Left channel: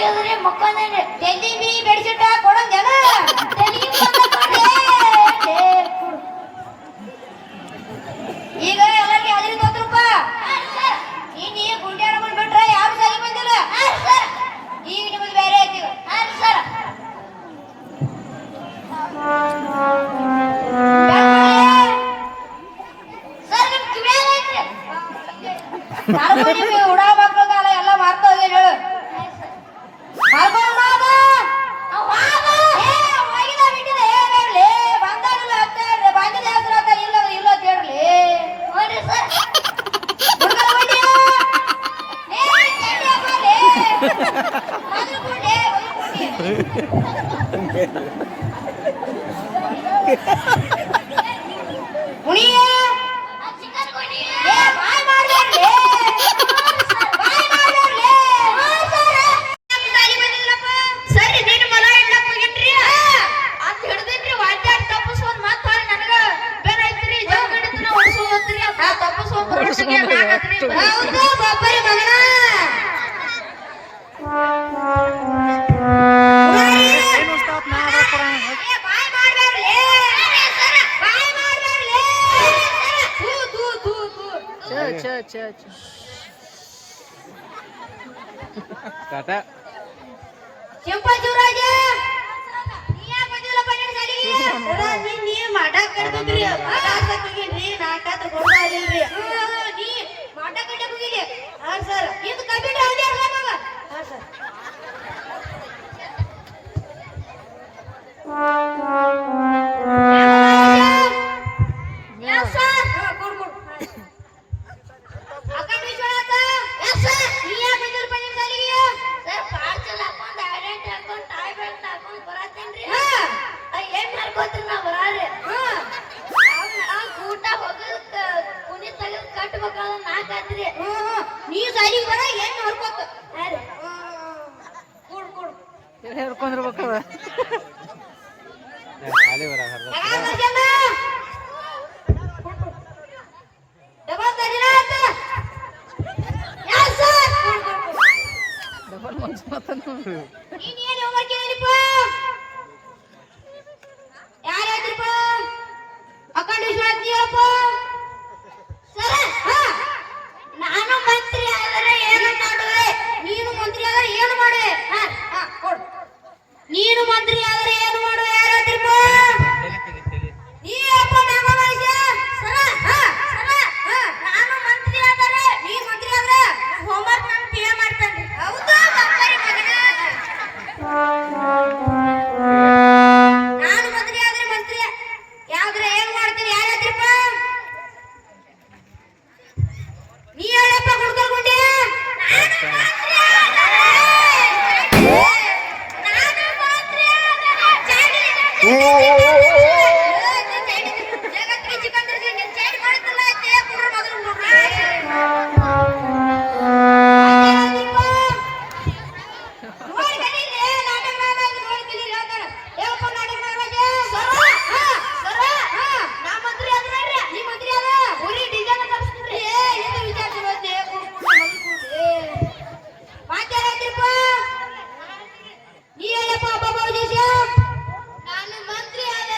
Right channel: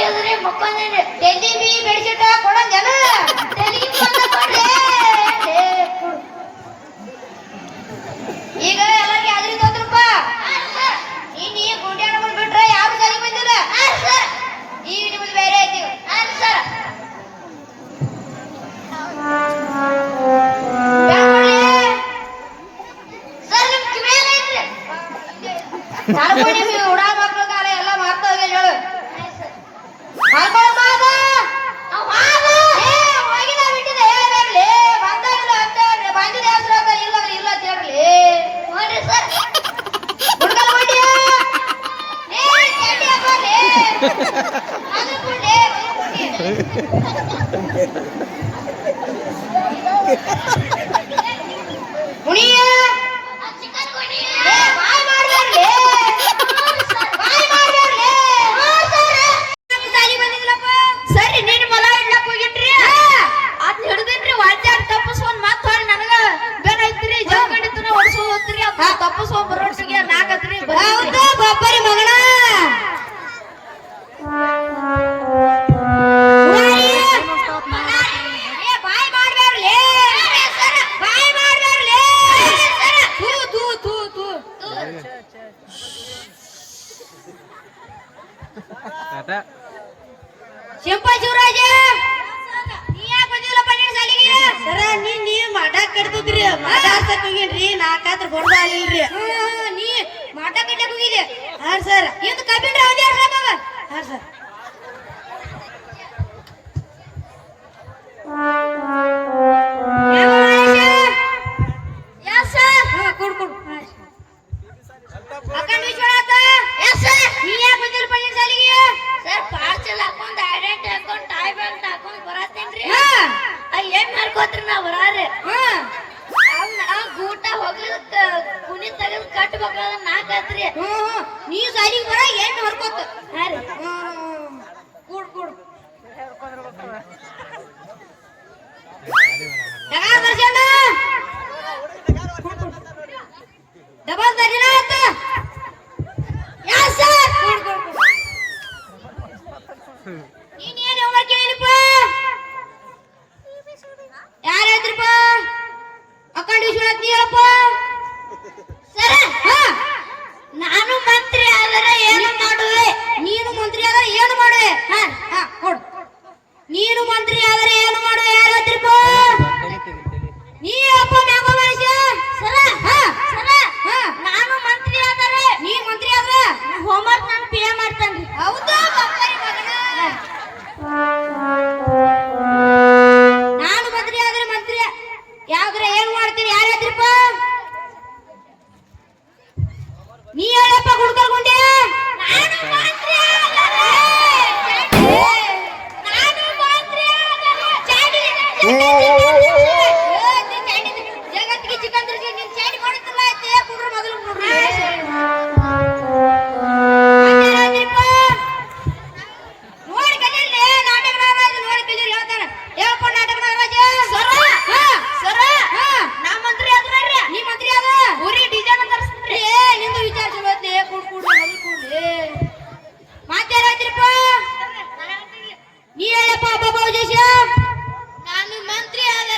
ಎದುರೇ ಮಕ್ಕೊಂದೇನೆ Delhi B bedsheet ಕೊಡಂಗೇನ Delhi ಈಗ ಎಲ್ಲರಿಗೆ ಅದ್ರಿ ತೋತ್ರಪ್ಪ ನೀ ಗುಂಡ್ಯಾನ ಬಂದ್ಬಿಟ್ರೆ ಯಾರು ಸರಿ ಬಂದಿಲ್ಲ ಈಗ ನಿಮ್ಮದು ಬೇರೆ ಐತಿ ಸರ್ ಸರ್ ನಿಮ್ ಕಿವಿಯಾಗ ಐತ್ರಿ ಉಡಾ ಮಕ್ಕಳ ಕಾಲ ಎಲ್ಲ ಮಾಡ್ತಾ ಹೋಗಿ ಹೇಳು ಸಿಂಪಲ್ ಶಿವರಾಜ ನೀ ಯಾಕೆ ಬಂದಿಲ್ಲಪ್ಪ ನಿನ್ನ ಸಾಲಿಗೆ ಸರ ನೀ ಮಾಡಾಕ ಕಟ್ಕೊಂಡ್ರಿ ಆಟಾಡ್ಸಕ್ ಹೋಗಿದ್ರಿ ನಾಲ್ಕಾತ್ರ ಕೊಡ್ತಾ ಇಲ್ರಿ ನೀ ಮಾಟ ಕಟ್ಟಕ್ ಹೋಗಿದ್ದೆ ಹಾ ಸರ್ ಇಂದು ಕಂಪ್ಯೂಟರ್ ಅವಧಿ ಆಡ್ಸಕ್ಕ ಹಾ ಸರ್ ನೀವು ಸಾಲಿ ಬರ ಏನು ಹೊರ್ಕೋತ ಕೂಡ್ ಕೂಡ್ ಹೇಳ್ಕೊಂಡಿರ್ಬೇಕು ಡಬಲ್ ತರಿನ ಆತ ಯಾಸ ನೀನು ಏನು ಹೋಮ್ವರ್ಕ್ ಹೇಳಿದಪ್ಪ ಯಾರು ಹೇಳ್ತಿರಪ್ಪ ಅಕ್ಕಂಡ ವಿಶ್ವನಾಥ್ ನೀವಪ್ಪ ನಾನು ಮಂತ್ರಿ ಆದರೆ ಏನು ಮಾಡುವೆ ನೀನು ಮಂತ್ರಿ ಆದರೆ ಏನು ಮಾಡುವೆ ಕೊಡು ನೀನು ಮಂತ್ರಿ ಆದರೆ ಏನು ಮಾಡುವೆ ಯಾರು ಹೇಳ್ತಿರಪ್ಪ ನೀ ಅಪ್ಪ ನಾಗರಾಜ ಸರ ಸರ ನಾನು ಮಂತ್ರಿ ಆದರೆ ನೀ ಮಂತ್ರಿ ಆದರೆ ಹೋಮ್ವರ್ಕ್ ನಾನು ಪೇ ಮಾಡ್ತಾನೆ ಹೌದಾ ನಾನು ಮಂತ್ರಿ ಆದರೆ ಮಂತ್ರಿ ಯಾವ್ದ್ರ ಏನು ಮಾಡ್ತೀನಿ ಯಾರು ಹೇಳ್ತಿರಪ್ಪ ನೀ ಹೇಳಪ್ಪ ಗುಡ್ಕಲ್ಗುಂಡೆ ಜಗತ್ತಿಗೆ ಚಿಕನ್ ಚೇಂಜ್ ಮಾಡುತ್ತಿಲ್ಲ ಕುಡ್ರು ಮೊದಲು ನೋಡ್ರಿ ನೋಡಿ ಕದೀರಿ ನಾಟಕ ನಾಗರಾಜ್ ನೋಡಿ ಕದೀರಿ ಹೇಳ್ತಾನೆ ಹೇಳ್ಪ ನಾಟಕ ನಾಗರಾಜ ಸರ ನಾ ಮಂತ್ರಿ ಆದ್ರೆ ನೀ ಮಂತ್ರಿ ಅದ ಊರಿ ಡಿಸೈನ್ ತರಿಸ್ಬಿಟ್ರಿ ನಿಂದು ವಿಚಾರ ಚಲೋ ಐತಿ ಮಾತಾಡ್ತಿರಪ್ಪ ನೀ ಹೇಳಪ್ಪ ಬಾಬಾ ವಿಜೇಶ ನಾನು ಮಂತ್ರಿ ಆದ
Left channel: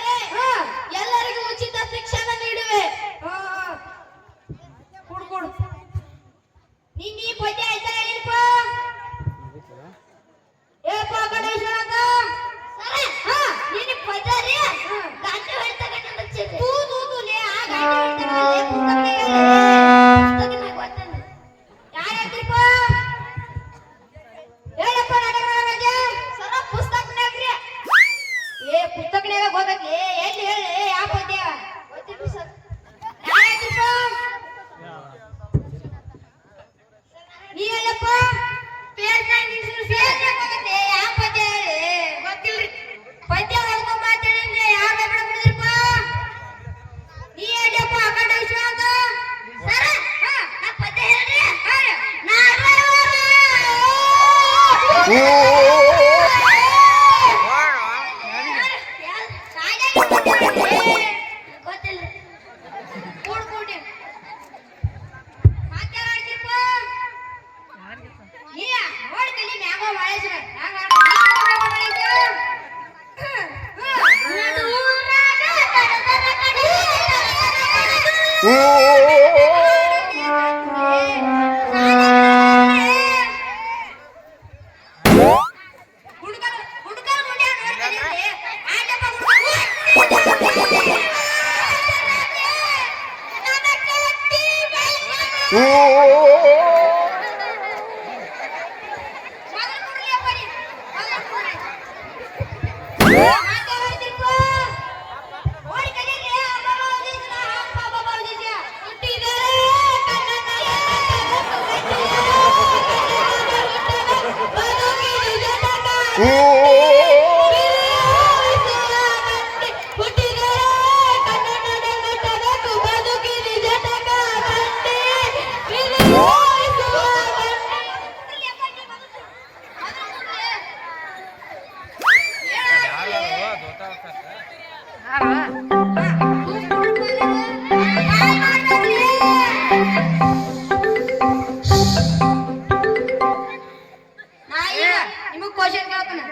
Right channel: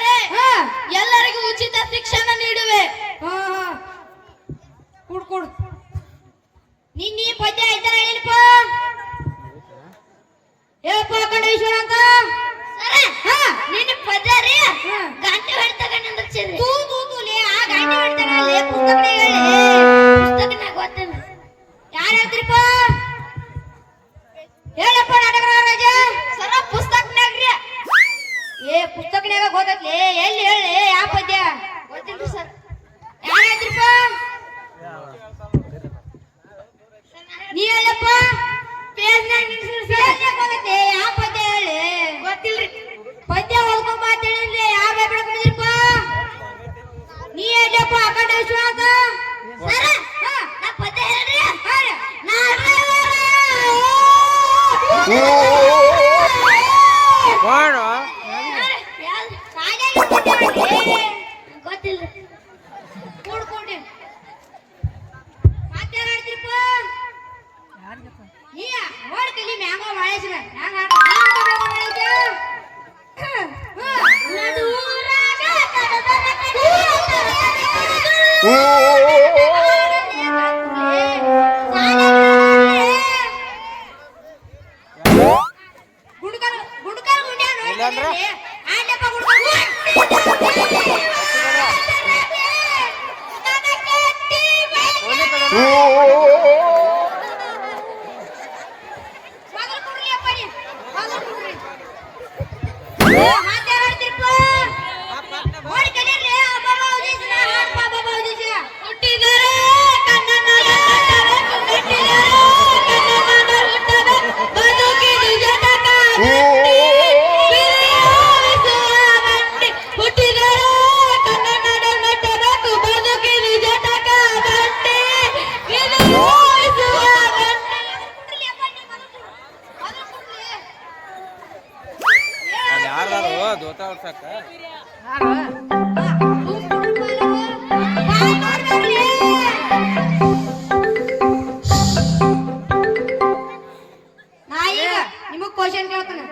ನಿಮಗ್ ಕ್ವಶನ್ ಕೇಳ್ತೀನಿ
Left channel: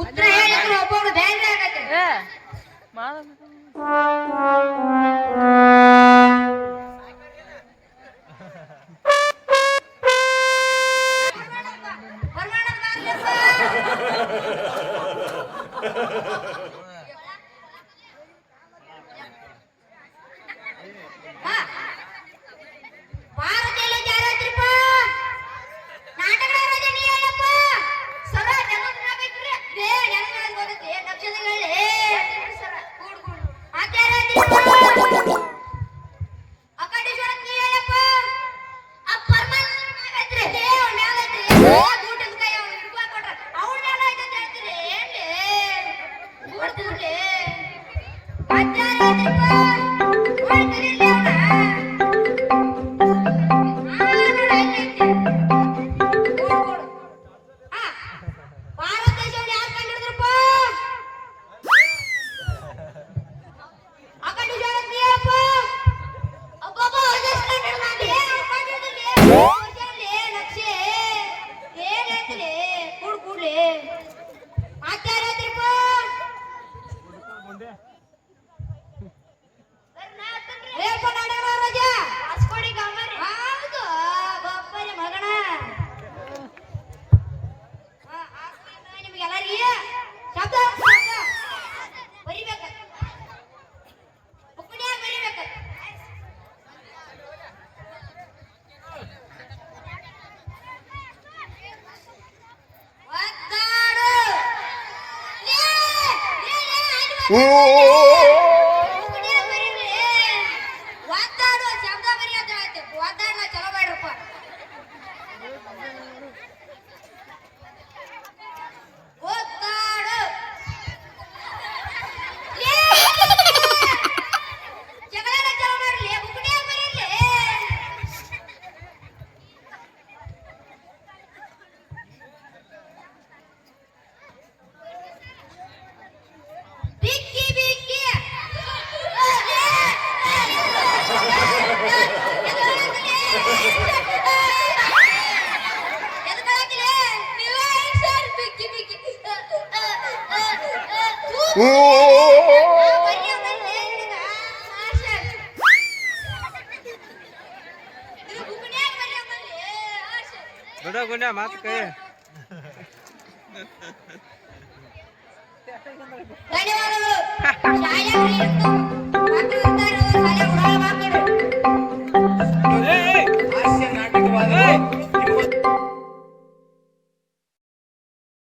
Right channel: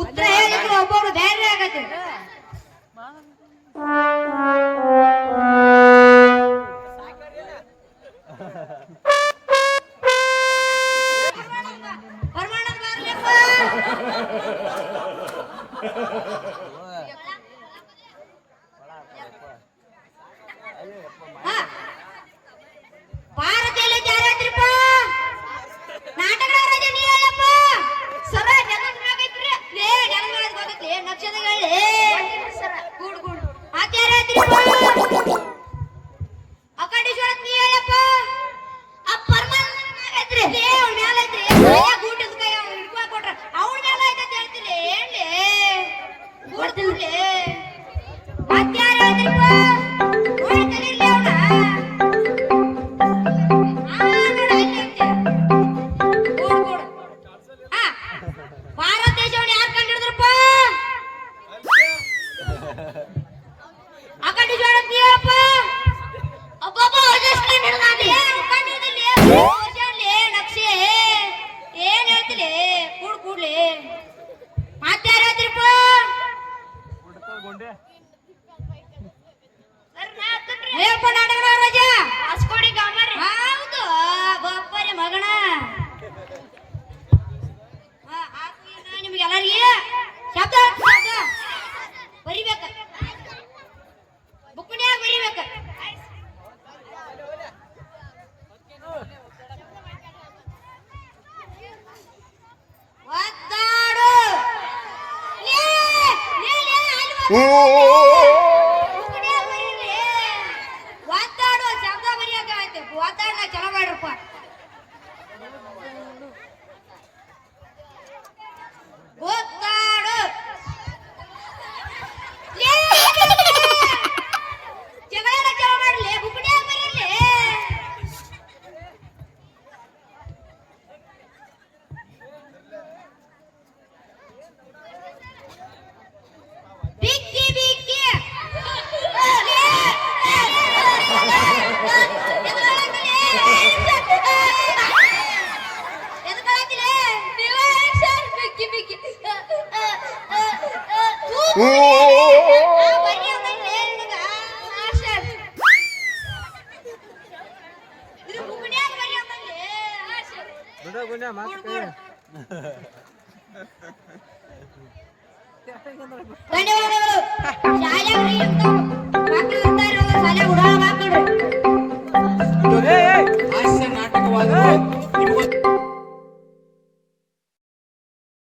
ಉತ್ತರ ಹೇಳಿದ್ರೆ ಒಬ್ಬೊಬ್ರು ಬೇರೆ ಆಗತ್ತೆ ಭಾರತೀಯ ಜಾರತ್ರಿಪ್ಪ ನಾಟಕ ರಾಜ ನೀ ಹೇಳಪ್ಪ ಸರ ಜನಗಣಗೈತ್ರಿ ಲೇ ಜನಗಣ ಗೊತ್ತೈತಿ ನಕ್ಷತ್ರಗಳೇ ಕೂಡ್ ಕೂಡ್ ಆಚಾರ್ಯತ್ರಿಪ್ಪ ಅಕಡೇಶ್ವರ ನೀ ಹೇಳಪ್ಪ ಆ ಪರಮಾತ್ಮನಾಗೈತ್ರಿ ಲೇ ಅವನ ಮೇಲೈತ್ರಿ ಕೂಟದ ಕೈ ಅವನು ಹಿಡ್ಕೊ ಕೊಟ್ರ ಅವನ ಮೇಲೆ ಐತೆ ಹೇಳ್ತಿರಿ ಹೇಳಿ ಕೊಡ್ತೀನಿ ಆಚಾರ್ಯತ್ರಿಪ್ಪ ಓಡ್ತಿರ್ಲಿ ಅವನ ಭಾರತ ದೇಶವನ್ನು ಯಾರು ಕಂಡಿಡಿದ್ರಪ್ಪ ಅಕಂಡಿಜೋಳ ನೀರಪ್ಪ ಅಬ್ಬಬ್ಬ ಅಜಸ್ಟ್ ಕಂಡಿಡ್ದಾನೆ ನಕ್ಷೆ ಏನ್ ಹೇಳ್ತಿಲೆ ಕೂಡ್ ಕೂಡ್ಲೆ ಮಾತಾಡ ಹೇಳ್ತಿರಪ್ಪ ರೇಪ ನಾಟಕ ರಾಜ ಅಸ್ಕೋಡಿ ಗಾಮರಿ ಹೌದು ಗೊಪ್ಪರಿ ಮಗನ ನಿಮಗೆಲ್ಲರಿಗೆ ಶಬ್ದ ಬರಿಬೇಕ ಬುಕ್ಕನ್ಯಾಗ ಬರಿಬೇಕ ಒತ್ತಾಡು ಒತ್ತಾಡು ಶಬ್ದ ಬರಿಯತ್ತೆ ಒತ್ತಾಡ ಚಲೋ ಮಾಡ್ರಪ್ಪ ಒತ್ತಾಡು ಜಗಳ ಚಲೋ ಮಾಡ್ಲಿ ಬುಕ್ಕನ್ಯಾಗ ಬರೀಲಿ ಬಿಕ್ಕಿ ಬಿಕ್ಕಿ ಗುಂಡ ಮಾತು ಕೈ ಧನ್ಯವಾದಗಳು